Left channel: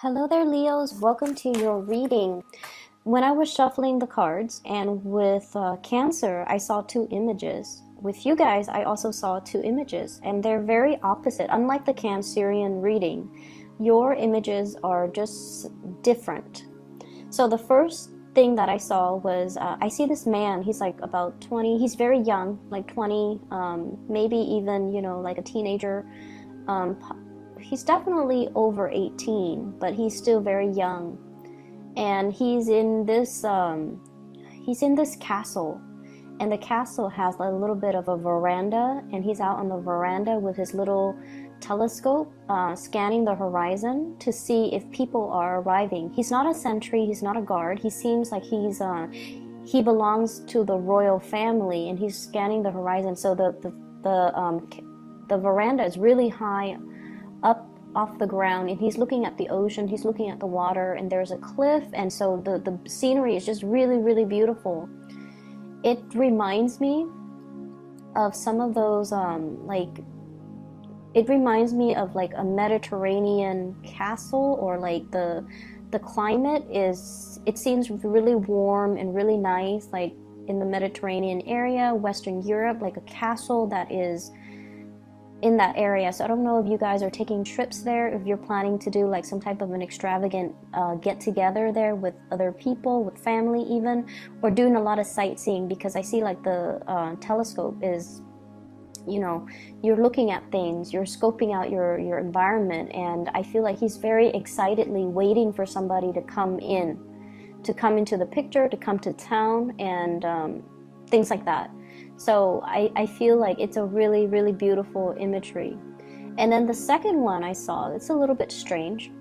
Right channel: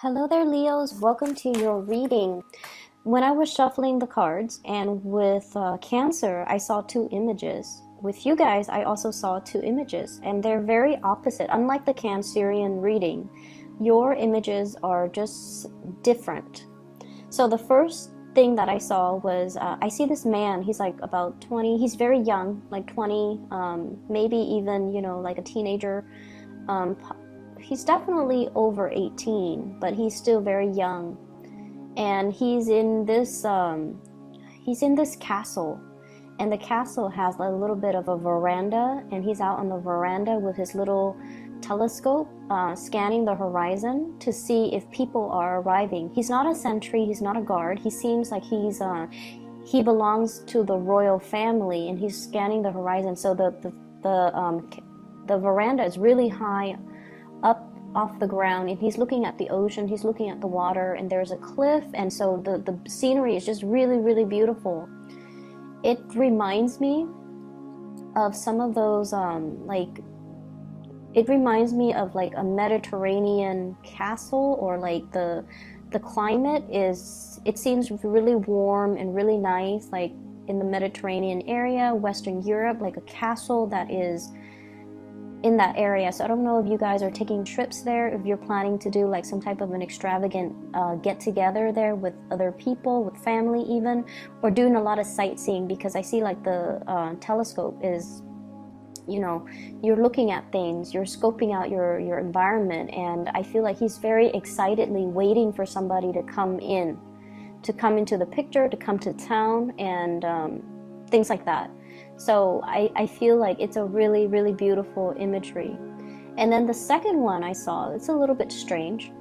Hello there, Leos. Welcome to your reading. When I was shuffling the cards and with Cancer, I saw two images. With you guys, I also saw two images, and they're very opposite. Unlike the Cancerian reading, your images are just different. So the first thing that I saw was I see this man. He's like about 20. He's very young, like 20, maybe even, like a teenager. Um, he's definitely over 18, but he's still very young. And he's in this castle, and the castle has a little bit of a veranda, and he's out on the veranda with his little telescope, scanning the horizon to see if people are arriving. He's not a sentry, he's not a guard. He seems like he belongs to the royal family, and he's scanning the horizon. So the veranda is really high up off the ground, and he's looking at the ocean, he's looking at the water, and there's a cliff, and so the scenery is just really, really beautiful. It reminds me of some of those it reminds me of like a Mediterranean castle, or like the climate it seems really warm and really nice, like in the Mediterranean area, Western Europe, like a castle that is in that area. So I don't know if you guys are taking trips there, if you're planning to do like some type of an extravagant get together there with other people, with family even, or doing a lot of sightseeing, because I see like the telescope is, you're looking at things, you're scoping out your environment, and I feel like he's very excitedly waiting for somebody to come into the picture, to come to town, and things like that. So I feel like it's a really, really beautiful imagery. And then the second one I saw, it's a little bit strange.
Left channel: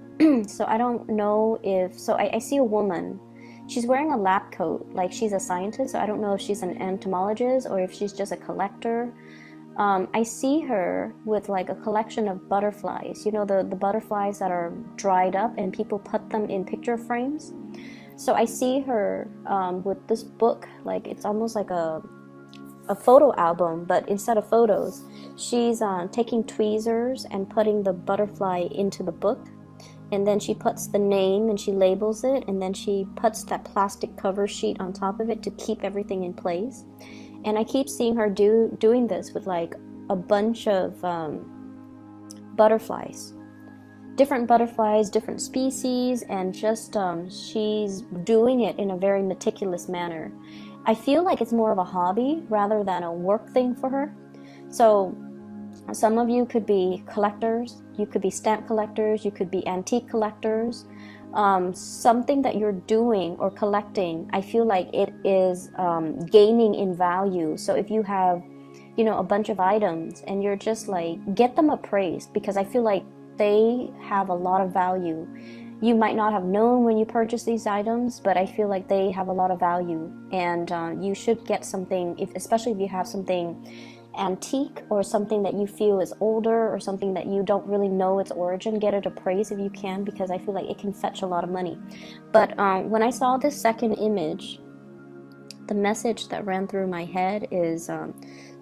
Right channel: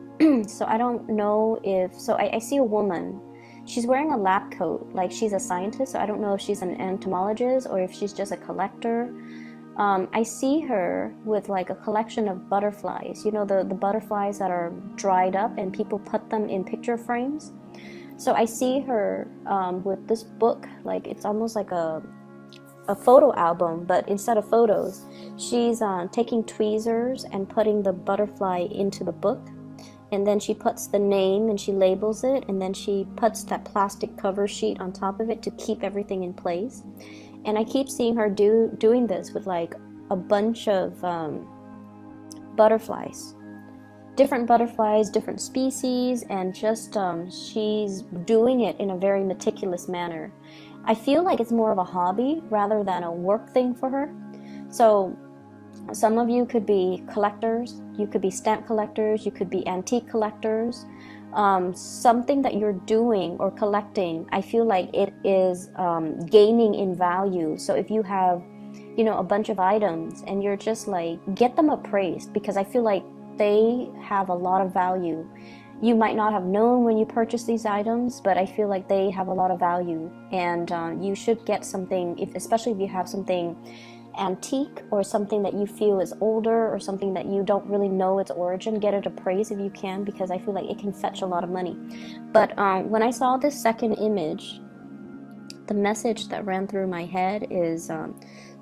So I don't know I see a woman. She's wearing a lab coat, like she's a scientist. So I don't know if she's an entomologist or if she's just a collector. I see her with like a collection of butterflies, the butterflies that are dried up and people put them in picture frames. So I see her with this book, like it's almost like a photo album, but instead of photos, she's taking tweezers and putting the butterfly into the book, and then she puts the name and she labels it, and then she puts that plastic cover sheet on top of it to keep everything in place. And I keep seeing her doing this with like a bunch of butterflies, different species, and just she's doing it in a very meticulous manner. I feel like it's more of a hobby rather than a work thing for her. So some of you could be collectors, you could be stamp collectors, you could be antique collectors. Something that you're doing or collecting, I feel like it is gaining in value. So if you have, a bunch of items and you're just like, get them appraised, because I feel like they have a lot of value. You might not have known when you purchased these items, but I feel like they have a lot of value, and you should get something, especially if you have something antique or something that you feel is older or something that you don't really know its origin. Get it appraised if you can, because I feel like it can fetch a lot of money. But when I saw this second image, the message that ran through my head is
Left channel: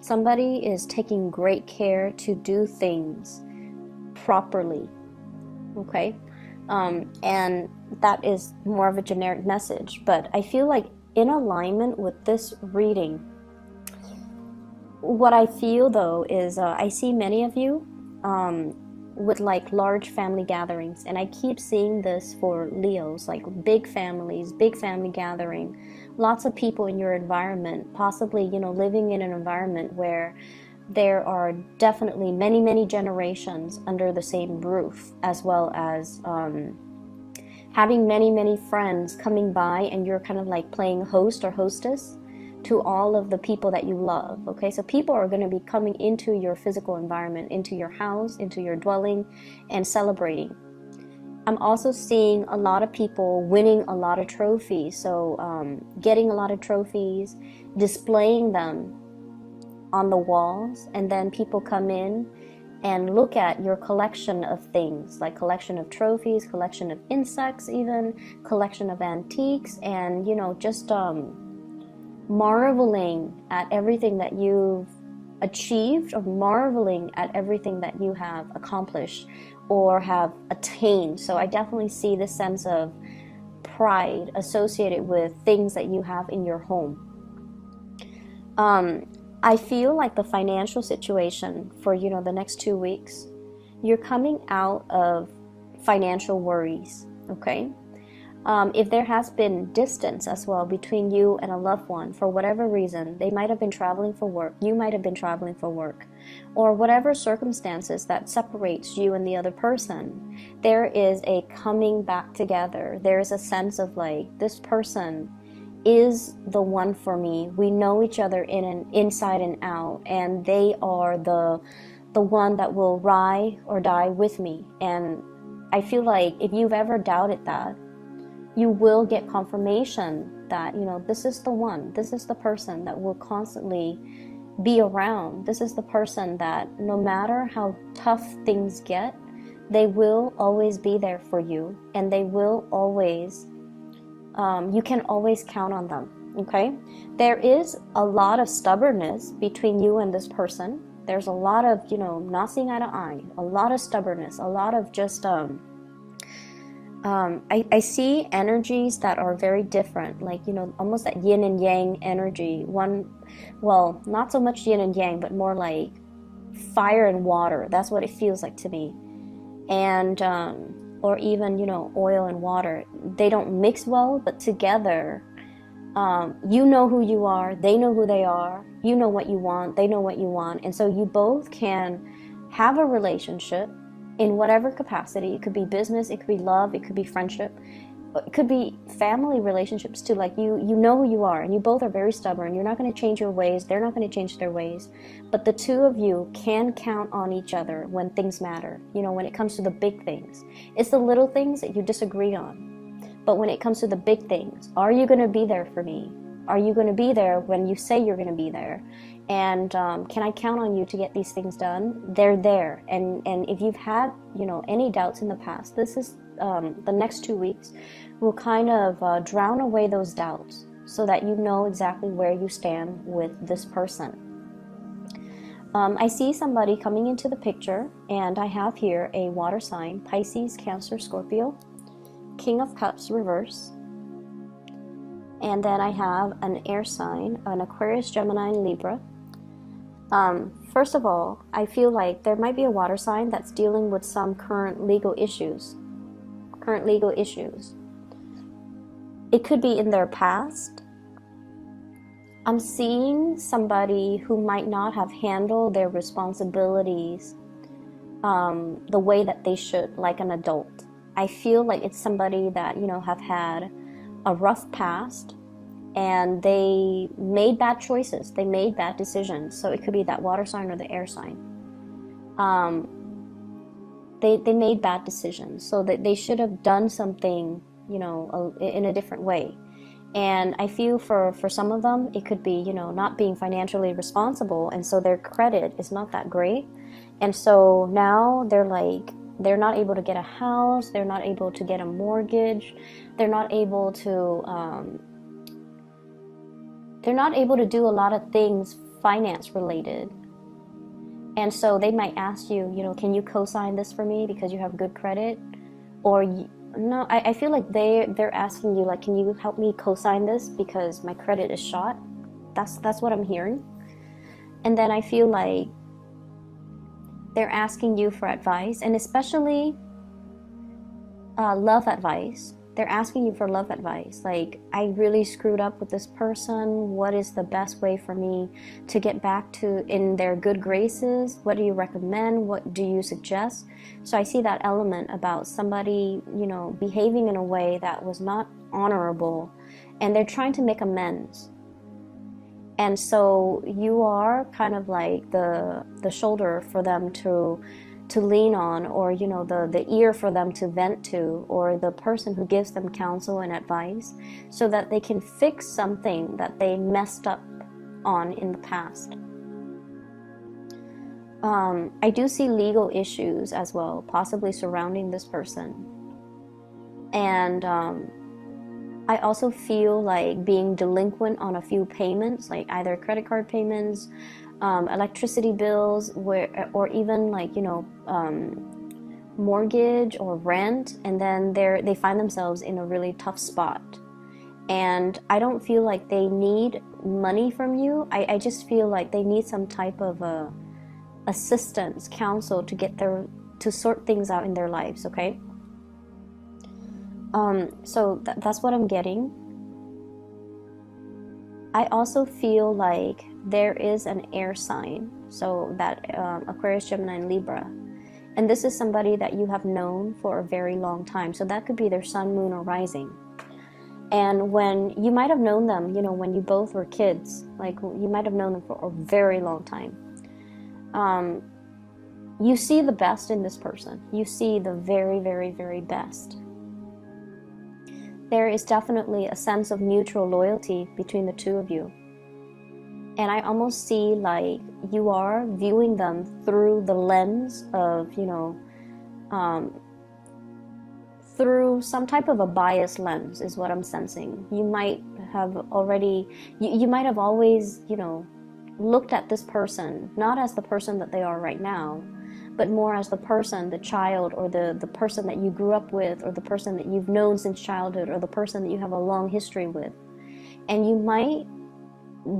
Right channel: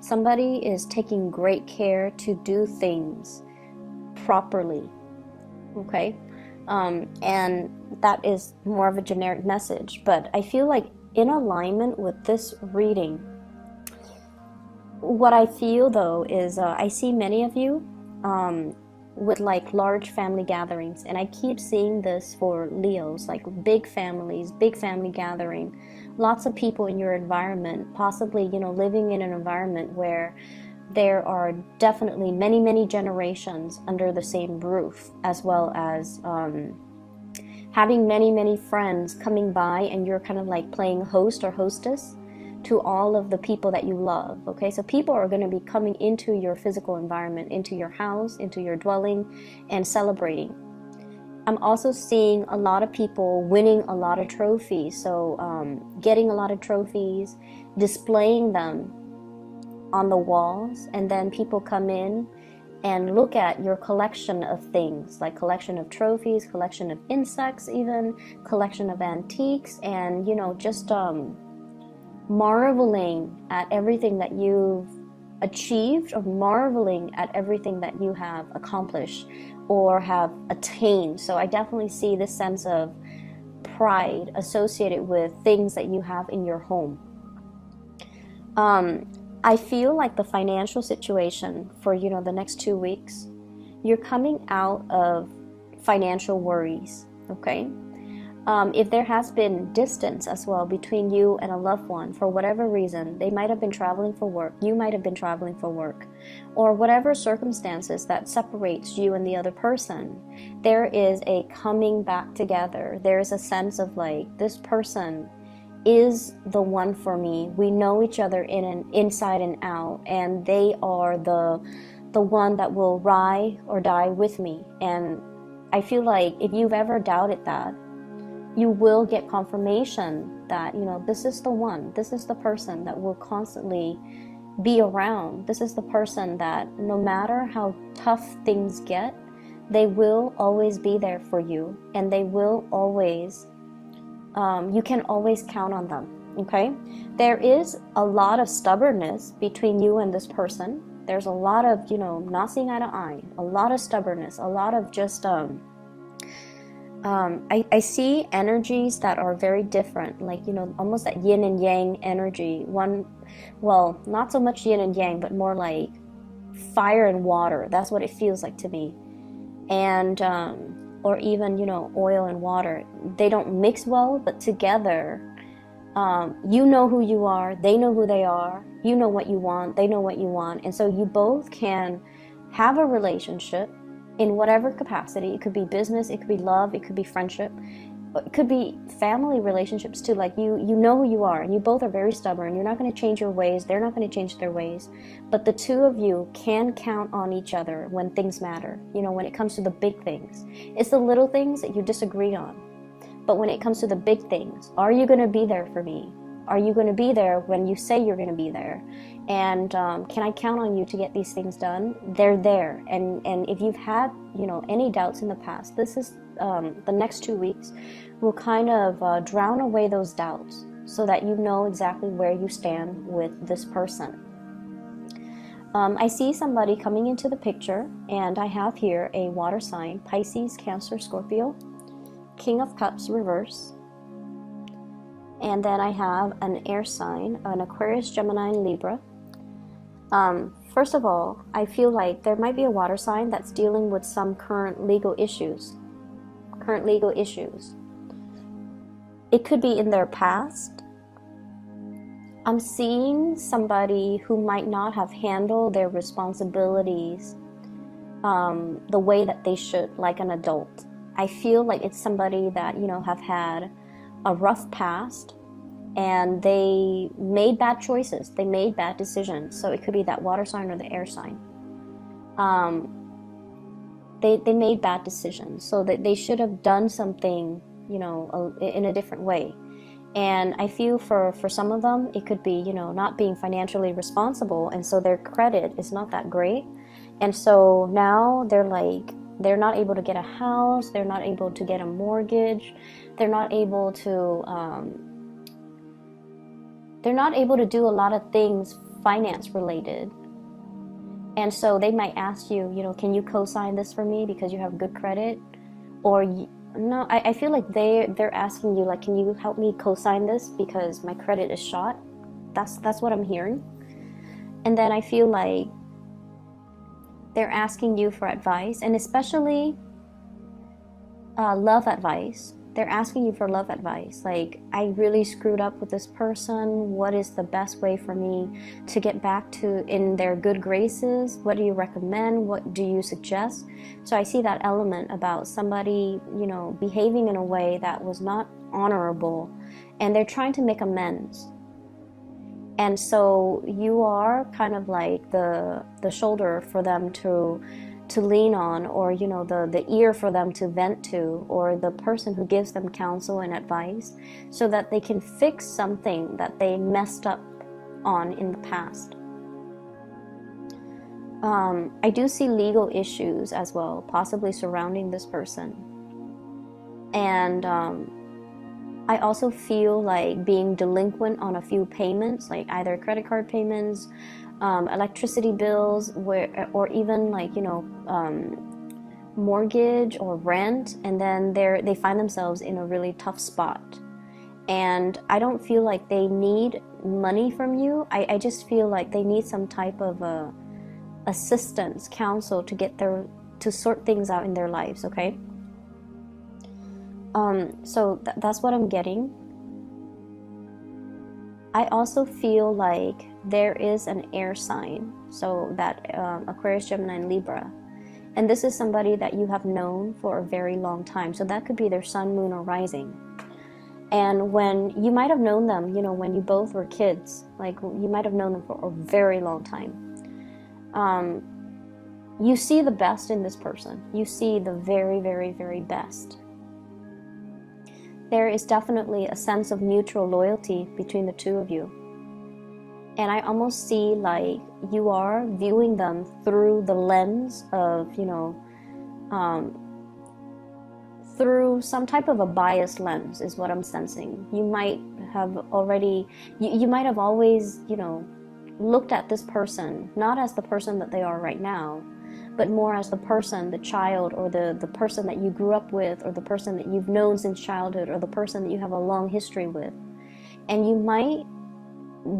somebody is taking great care to do things properly. Okay? And that is more of a generic message, but I feel like in alignment with this reading, what I feel though is I see many of you with like large family gatherings, and I keep seeing this for Leos, like big families, big family gathering, lots of people in your environment, possibly living in an environment where there are definitely many, many generations under the same roof, as well as having many, many friends coming by, and you're kind of like playing host or hostess to all of the people that you love. Okay, so people are going to be coming into your physical environment, into your house, into your dwelling, and celebrating. I'm also seeing a lot of people winning a lot of trophies, so getting a lot of trophies, displaying them on the walls, and then people come in and look at your collection of things, like collection of trophies, collection of insects, even collection of antiques, and just marveling at everything that you've achieved or marveling at everything that you have accomplished or have attained. So I definitely see this sense of pride associated with things that you have in your home. I feel like the financial situation for, the next 2 weeks, you're coming out of financial worries, okay? If there has been distance as well between you and a loved one for whatever reason, they might have been traveling for work, you might have been traveling for work, or whatever circumstances that separates you and the other person, there is a coming back together. There is a sense of like, this person is the one for me. We know each other inside and out, and they are the one that will ride or die with me. And I feel like if you've ever doubted that, you will get confirmation that, this is the one, this is the person that will constantly be around. This is the person that no matter how tough things get, they will always be there for you, and they will always, you can always count on them, okay? There is a lot of stubbornness between you and this person. There's a lot of, not seeing eye to eye, a lot of stubbornness, a lot of just, I see energies that are very different, like, almost that yin and yang energy. Well, not so much yin and yang, but more like fire and water. That's what it feels like to me. And, or even, oil and water. They don't mix well, but together, you know who you are, they know who they are, you know what you want, they know what you want. And so you both can have a relationship in whatever capacity. It could be business, it could be love, it could be friendship, it could be family relationships too. Like you know who you are, and you both are very stubborn. You're not going to change your ways, they're not going to change their ways, but the two of you can count on each other when things matter. When it comes to the big things, it's the little things that you disagree on, but when it comes to the big things, are you going to be there for me? Are you going to be there when you say you're going to be there? And can I count on you to get these things done? They're there. And if you've had, any doubts in the past, this is the next 2 weeks will kind of drown away those doubts so that you know exactly where you stand with this person. I see somebody coming into the picture, and I have here a water sign, Pisces, Cancer, Scorpio, King of Cups reverse. And then I have an air sign, an Aquarius, Gemini, and Libra. First of all, I feel like there might be a water sign that's dealing with some current legal issues. It could be in their past. I'm seeing somebody who might not have handled their responsibilities the way that they should, like an adult. I feel like it's somebody that, have had a rough past, and they made bad choices, they made bad decisions. So it could be that water sign or the air sign. They made bad decisions, so that they should have done something, in a different way. And I feel for some of them, it could be, not being financially responsible, and so their credit is not that great. And so now they're not able to get a house, they're not able to get a mortgage, they're not able to do a lot of things finance related. And so they might ask you, can you co-sign this for me because you have good credit? Or no, I feel like they're asking you, like, can you help me co-sign this because my credit is shot? That's what I'm hearing. And then I feel like they're asking you for advice, and especially love advice. They're asking you for love advice. Like, I really screwed up with this person. What is the best way for me to get back to in their good graces? What do you recommend? What do you suggest? So I see that element about somebody, behaving in a way that was not honorable, and they're trying to make amends. And so you are kind of like the shoulder for them to lean on, or the ear for them to vent to, or the person who gives them counsel and advice so that they can fix something that they messed up on in the past. I do see legal issues as well, possibly surrounding this person. And I also feel like being delinquent on a few payments, like either credit card payments, electricity bills, or even like, mortgage or rent, and then they find themselves in a really tough spot. And I don't feel like they need money from you. I just feel like they need some type of assistance, counsel to sort things out in their lives, okay? So that's what I'm getting. I also feel like there is an air sign, so that Aquarius, Gemini, and Libra. And this is somebody that you have known for a very long time. So that could be their sun, moon, or rising. And when you might have known them, when you both were kids, like you might have known them for a very long time. You see the best in this person. You see the very, very, very best. There is definitely a sense of mutual loyalty between the two of you. And I almost see like you are viewing them through the lens of, through some type of a biased lens is what I'm sensing. You might have already, you might have always, looked at this person, not as the person that they are right now, but more as the person, the child, or the person that you grew up with, or the person that you've known since childhood, or the person that you have a long history with. And you might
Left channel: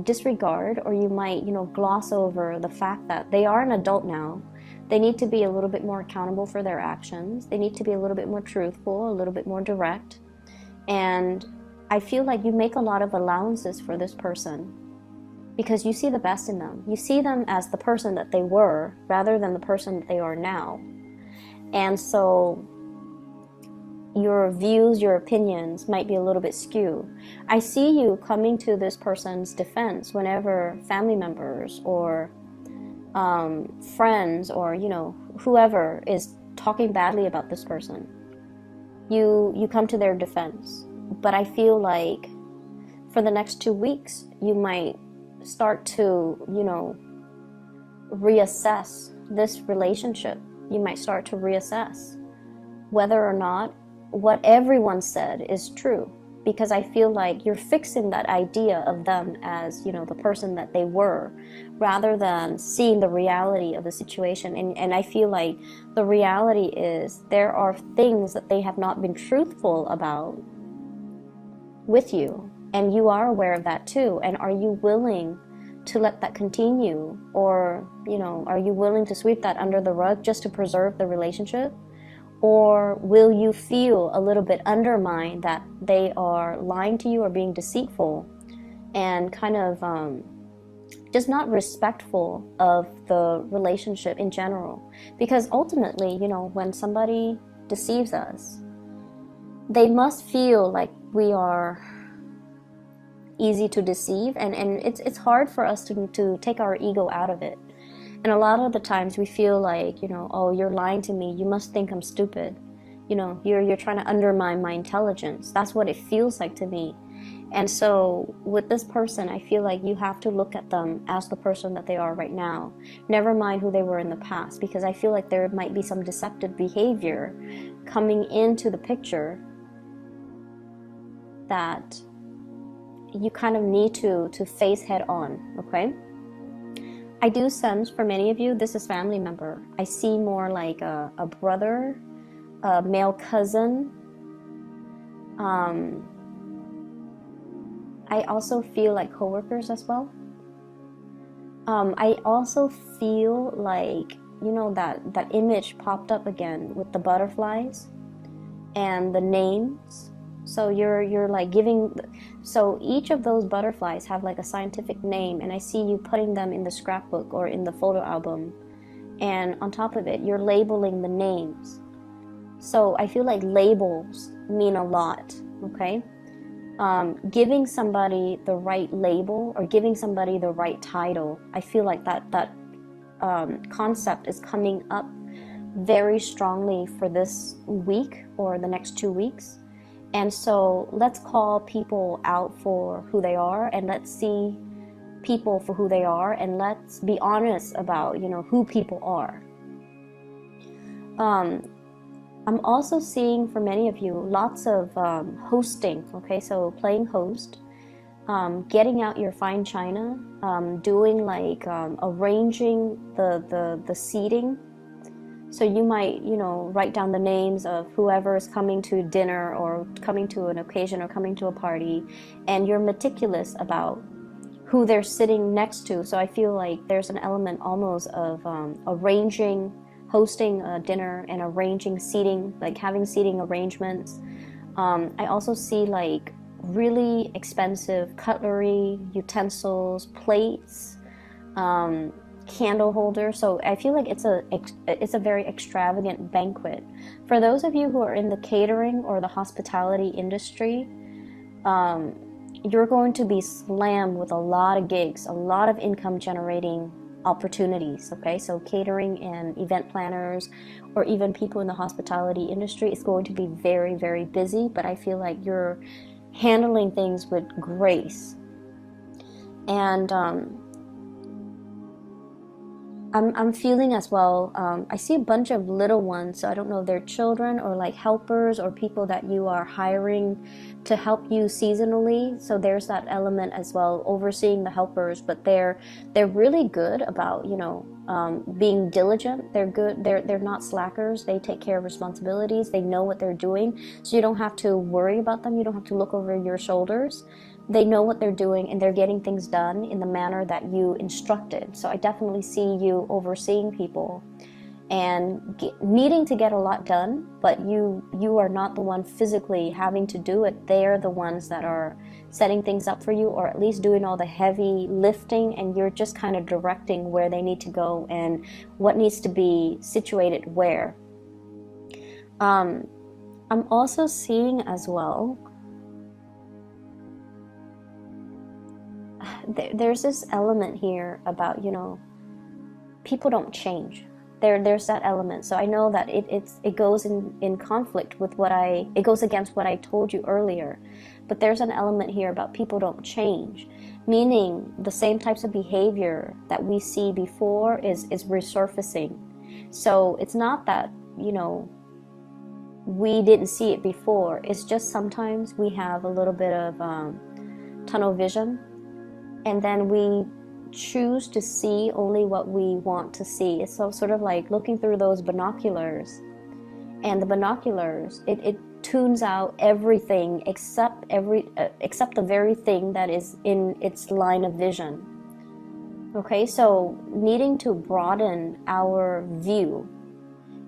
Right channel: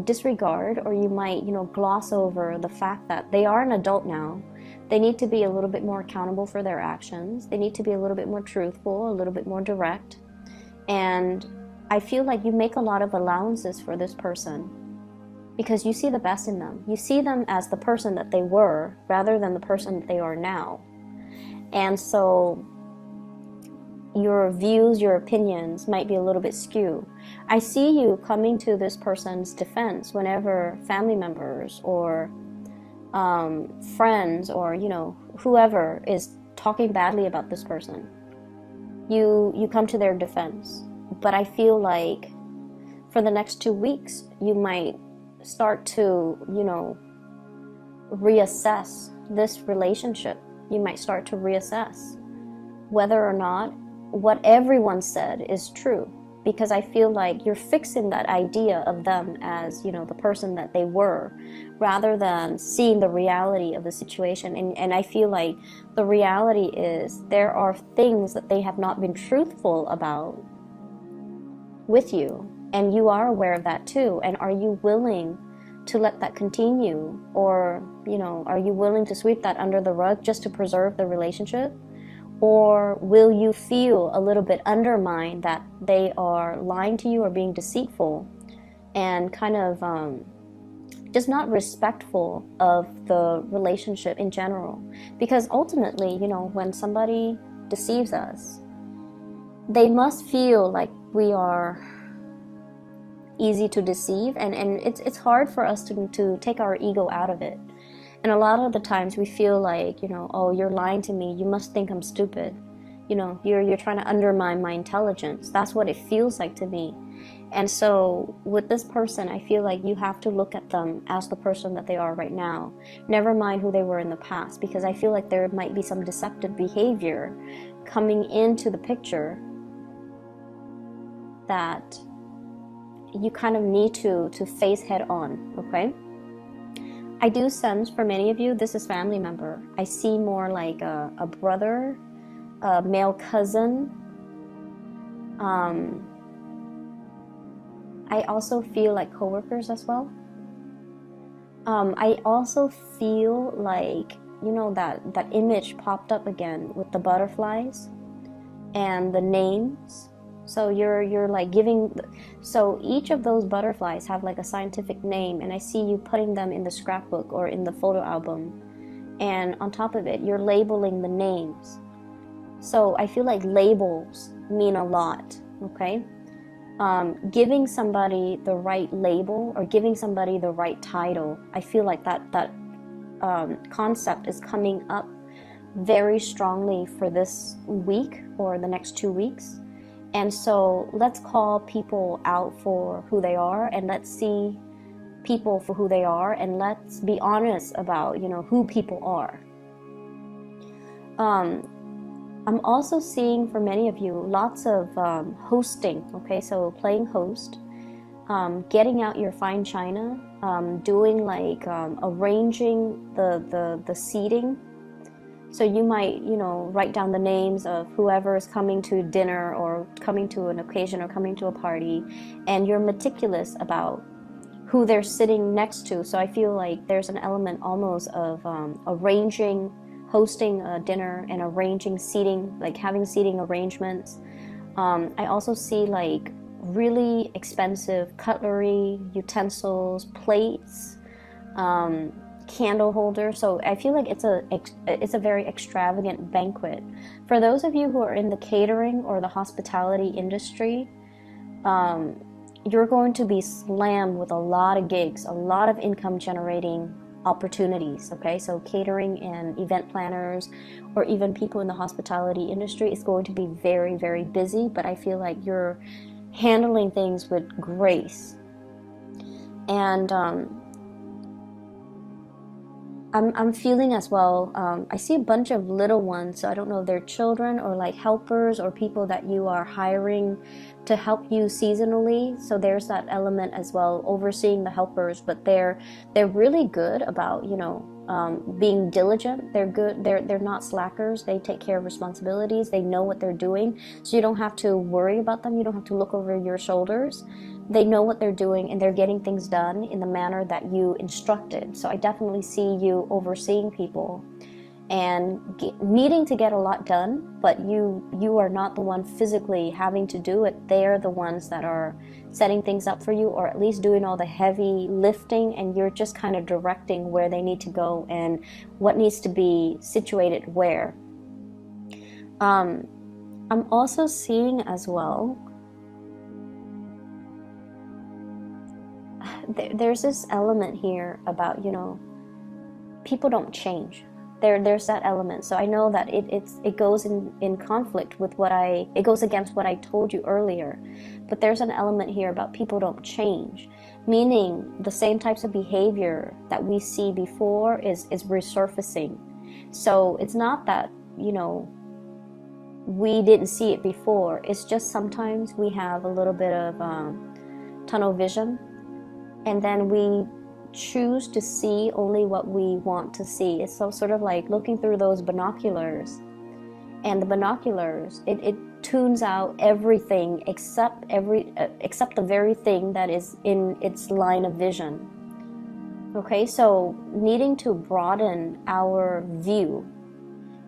disregard, or you might, gloss over the fact that they are an adult now. They need to be a little bit more accountable for their actions. They need to be a little bit more truthful, a little bit more direct. And I feel like you make a lot of allowances for this person because you see the best in them. You see them as the person that they were rather than the person that they are now. And so your views, your opinions might be a little bit skewed. I see you coming to this person's defense whenever family members or friends or, whoever is talking badly about this person. You come to their defense. But I feel like for the next 2 weeks, you might start to, reassess this relationship. You might start to reassess whether or not what everyone said is true. Because I feel like you're fixing that idea of them as, the person that they were, rather than seeing the reality of the situation. And I feel like the reality is there are things that they have not been truthful about with you. And you are aware of that too. And are you willing to let that continue? Or, are you willing to sweep that under the rug just to preserve the relationship? Or will you feel a little bit undermined that they are lying to you or being deceitful and kind of just not respectful of the relationship in general? Because ultimately, when somebody deceives us, they must feel like we are easy to deceive, and it's hard for us to take our ego out of it. And a lot of the times we feel like, oh, you're lying to me. You must think I'm stupid. You're trying to undermine my intelligence. That's what it feels like to me. And so with this person, I feel like you have to look at them as the person that they are right now. Never mind who they were in the past, because I feel like there might be some deceptive behavior coming into the picture that you kind of need to face head on, okay? I do sense for many of you, this is family member. I see more like a brother, a male cousin. I also feel like coworkers as well. I also feel like, that image popped up again with the butterflies and the names. So you're like giving, so each of those butterflies have like a scientific name, and I see you putting them in the scrapbook or in the photo album, and on top of it you're labeling the names. So I feel like labels mean a lot, okay? Giving somebody the right label or giving somebody the right title, I feel like that concept is coming up very strongly for this week or the next 2 weeks. And so let's call people out for who they are, and let's see people for who they are, and let's be honest about, who people are. I'm also seeing for many of you lots of hosting, okay? So playing host, getting out your fine china, doing like arranging the seating. So you might, you know, write down the names of whoever is coming to dinner or coming to an occasion or coming to a party, and you're meticulous about who they're sitting next to. So I feel like there's an element almost of arranging, hosting a dinner and arranging seating, like having seating arrangements. I also see like really expensive cutlery, utensils, plates, candle holder. So I feel like it's a very extravagant banquet. For those of you who are in the catering or the hospitality industry, you're going to be slammed with a lot of gigs, a lot of income generating opportunities. Okay, so catering and event planners, or even people in the hospitality industry, is going to be very, very busy. But I feel like you're handling things with grace. And I'm feeling as well, I see a bunch of little ones, so I don't know if they're children or like helpers or people that you are hiring to help you seasonally. So there's that element as well, overseeing the helpers, but they're really good about, you know, being diligent. They're good. They're not slackers. They take care of responsibilities. They know what they're doing. So you don't have to worry about them. You don't have to look over your shoulders. They know what they're doing, and they're getting things done in the manner that you instructed. So I definitely see you overseeing people and needing to get a lot done, but you are not the one physically having to do it. They're the ones that are setting things up for you, or at least doing all the heavy lifting, and you're just kind of directing where they need to go and what needs to be situated where. I'm also seeing as well, there's this element here about, you know, people don't change. There's that element. So I know that it goes in conflict with it goes against what I told you earlier. But there's an element here about people don't change, meaning the same types of behavior that we see before is resurfacing. So it's not that, you know, we didn't see it before. It's just sometimes we have a little bit of tunnel vision, and then we choose to see only what we want to see. It's sort of like looking through those binoculars, and the binoculars, it tunes out everything except the very thing that is in its line of vision. Okay, so needing to broaden our view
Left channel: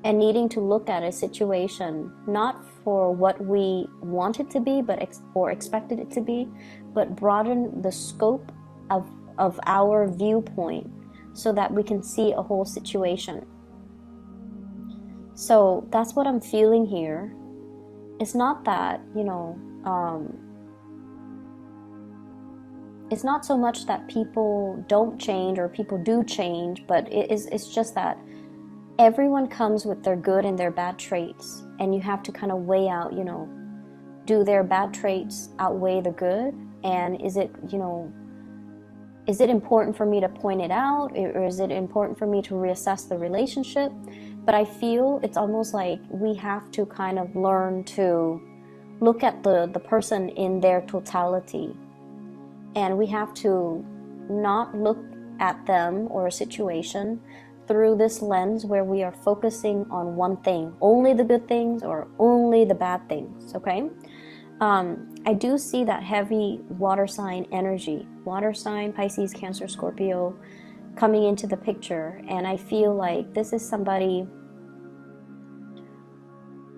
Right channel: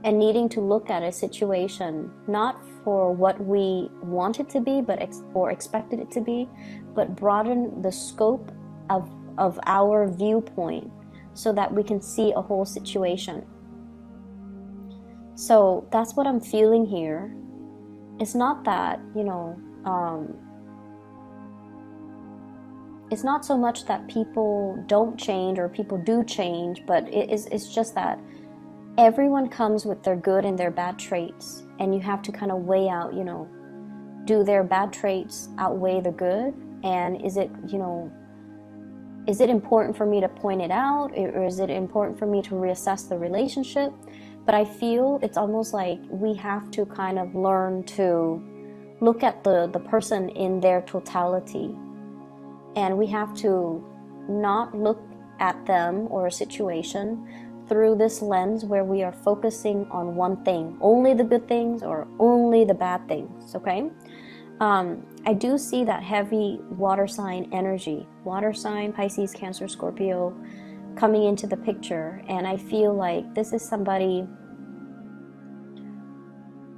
and needing to look at a situation not for what we want it to be, or expected it to be, but broaden the scope of our viewpoint so that we can see a whole situation. So that's what I'm feeling here. It's not that, you know, it's not so much that people don't change or people do change, but it's just that everyone comes with their good and their bad traits, and you have to kind of weigh out, you know, do their bad traits outweigh the good? And is it, you know, is it important for me to point it out, or is it important for me to reassess the relationship? But I feel it's almost like we have to kind of learn to look at the person in their totality. And we have to not look at them or a situation through this lens where we are focusing on one thing, only the good things or only the bad things, okay? I do see that heavy water sign energy, water sign, Pisces, Cancer, Scorpio, coming into the picture. And I feel like this is somebody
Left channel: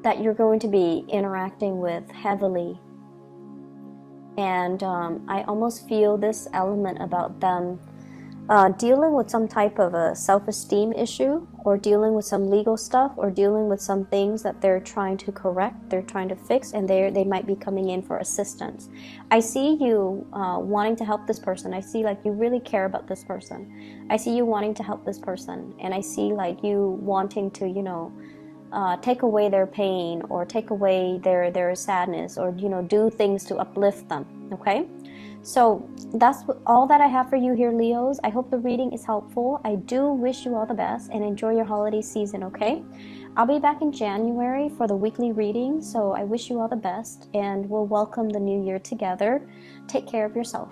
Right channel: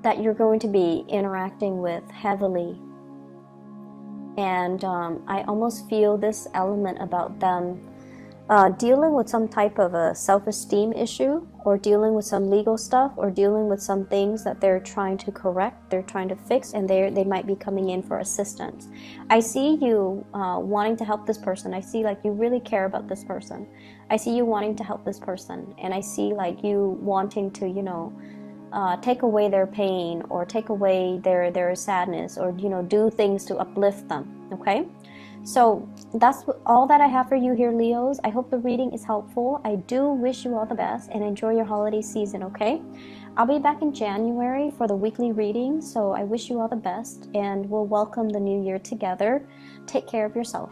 that you're going to be interacting with heavily. And I almost feel this element about them dealing with some type of a self-esteem issue, or dealing with some legal stuff, or dealing with some things that they're trying to correct, they're trying to fix, and they might be coming in for assistance. I see you wanting to help this person. I see like you really care about this person. I see you wanting to help this person, and I see like you wanting to, you know, take away their pain, or take away their sadness, or, you know, do things to uplift them, okay? So that's all that I have for you here, Leos. I hope the reading is helpful. I do wish you all the best and enjoy your holiday season, okay? I'll be back in January for the weekly reading, so I wish you all the best, and we'll welcome the new year together. Take care of yourself.